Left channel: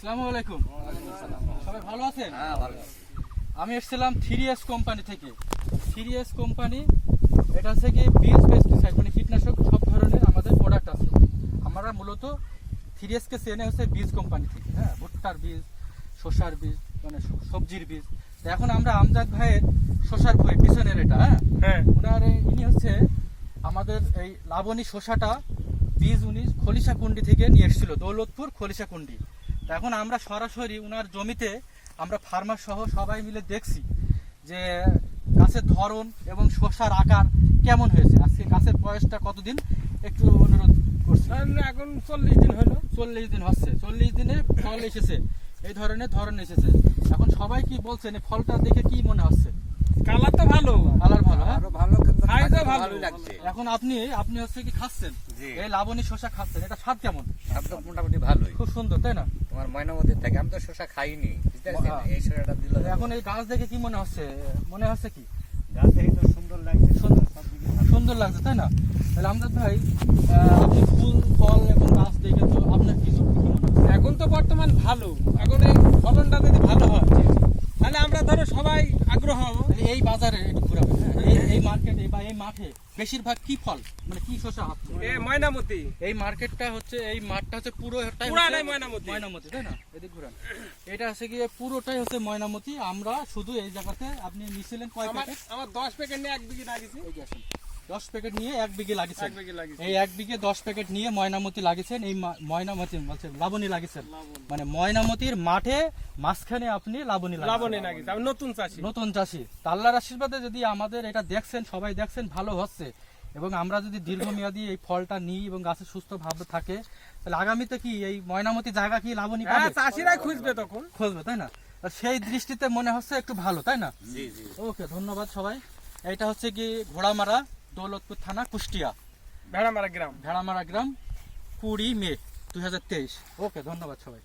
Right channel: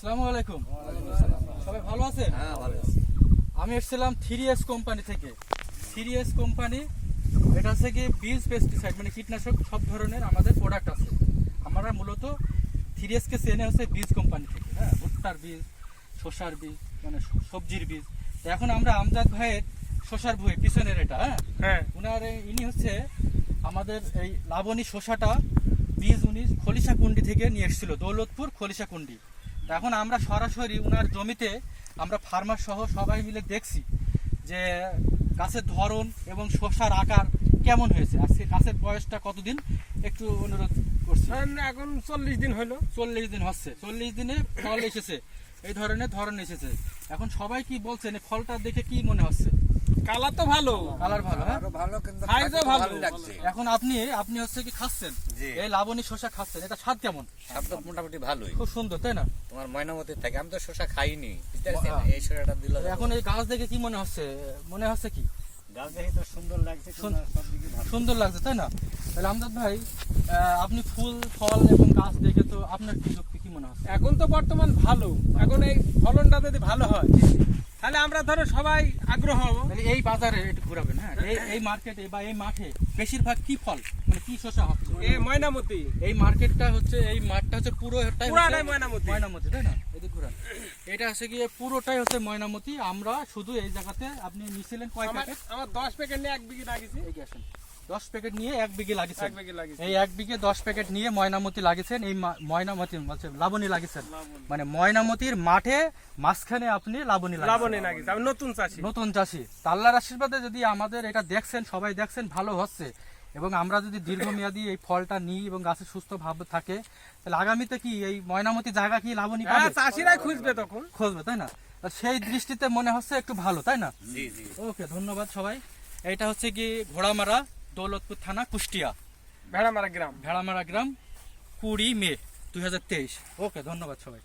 আসসালামু আলাইকুম। সবাই ভালো আছেন? হ্যাঁ, ভালো আছি। আমি এসেছিলাম 3S কোম্পানি থেকে। 3S কোম্পানি এটা হচ্ছে কি বীজ পেস্টিসাইড, মানে কীটনাশক সব ধরনের আমাদের প্রোডাক্ট আছে। আমরা মূলত 3S কে চেনে হচ্ছে বীজ কোম্পানি থেকে, হ্যাঁ, ভুট্টার বীজ, শসার বীজ, মানে সবজির বীজ। তো এখন আমরা আমজাদ ভাইয়ের শসার বই পিছনের এটা, হ্যাঁ, ওনার ইনি হচ্ছে আমাদের এই লাবণী শসাটা বীজ উনি খলিশাকুন্ডি থেকে নিয়ে এসেছিল, দৌলতপুর খলিশাকুন্ডি। তো এখন আমরা সরাসরি ওনার জমিতে আমরা ফার্মার সহ সবাই মিলে দেখছি যে গাছের ধরন এবং শসার আকার কেমন হয়েছে। আজকে গাছের বয়সটা কতদিন একটু অনুরোধ করছি। এখন 40 দিন হলো। 40 দিন হচ্ছে, 40 দিনে ফল এসেছে, এই ধরনের ধরন এসেছে। এখন সবাই কি বলছেন এই ফলটা দেখে কি মনে হচ্ছে? কালার তো ভালো, কালার ভালো, হ্যাঁ, আরো ভালো, কিন্তু সাইজও ভালো ভালো লাগছে। এখন আপনি হচ্ছে কি খাচ্ছেন, জি। এই লাবণী শসা খাচ্ছেন, এটা স্বাদ কেমন? শব্দ মোটামুটি ভালোই। খুব সুন্দর, তাই না? তোমার ময়নামতির থেকে আমি তো শসা খাইনি, বুঝতে পারছেন? হ্যাঁ। এই শসাটা দিল এখন এই গাছ দেখে কি মনে হচ্ছে? মনে হচ্ছে কি গাছ দেখে তো সুন্দর লাগছে, সুন্দর লাগছে, তাই না? তাহলে আমজাদ ভাই, আপনি ফুল ফল এবং গাছ দেখে তো আপনার কি মনে হচ্ছে? এখন তো বর্তমান ভালো। এখন এই ফলনটা যদি ভালো হয় তাহলে আমরা ধরো সবাই আগ্রহ হবো। তাহলে এই বাজারে একটু ঘুরাবেন, হ্যাঁ, এই মার্কেটে বা এই মাঠে বেশিরভাগ কি ফল, মানে কি শসা হচ্ছে? এই ময়নামতি, এই মার্কেটটা হচ্ছে, এই মাঠটা হচ্ছে পুরাটাই ময়নামতি। ময়নামতি, তাই না? এদিকে ঘুরান। এটা হচ্ছে গিয়ে পুরোটাই হচ্ছে ময়নামতি। আমরা শুধু এই জায়গাতে আপনি নিছিলেন কয় প্যাকেট? আমার 10 প্যাকেট নিয়ে 1 বিঘে লাগিয়েছি। এগিয়ে আসেন। 10 প্যাকেট নিয়ে 1 বিঘে লাগিয়েছেন। 1 বিঘে লাগিয়েছি। এই 1 বিঘে 10 প্যাকেট নিয়ে ময়নামতি লাগিয়েছেন। এই ময়নামতি বলছে লাবণী লাগিয়েছেন, মানে ময়নামতির মাঠে মাঝখানে আপনি লাবণী লাবণী লাগিয়েছি। আমি নতুন চাষি। নতুন চাষি। আল্লাহর আশীর্বাদে যদি আমাদের এটা দেখছেন, সবাই দেখছেন ভালো হচ্ছে, এবং আমরা যদি দীর্ঘমেয়াদী এই ফলটা নিই এবং গাছে সুস্থ ভাবে থাকে, তাহলে আগামীতে কি এই ময়নামতি জায়গা কি লাবণী হ্যাঁ, পাবে? চাষিরাই খুঁজবে তখন। খুঁজবে, তাই না? সেই দৃষ্টিতে মনে হচ্ছে একটু ভালো, তাই না? জি জি। ওকে, ধন্যবাদ সবাই। এটা হচ্ছে কি ঘোড়ামারা, দৌলতপুর থানা, কুষ্টিয়া, ভেড়ামারা গ্রাম। ভেড়ামারা গ্রাম, 20 মে 2023। ওকে, ধন্যবাদ সবাই।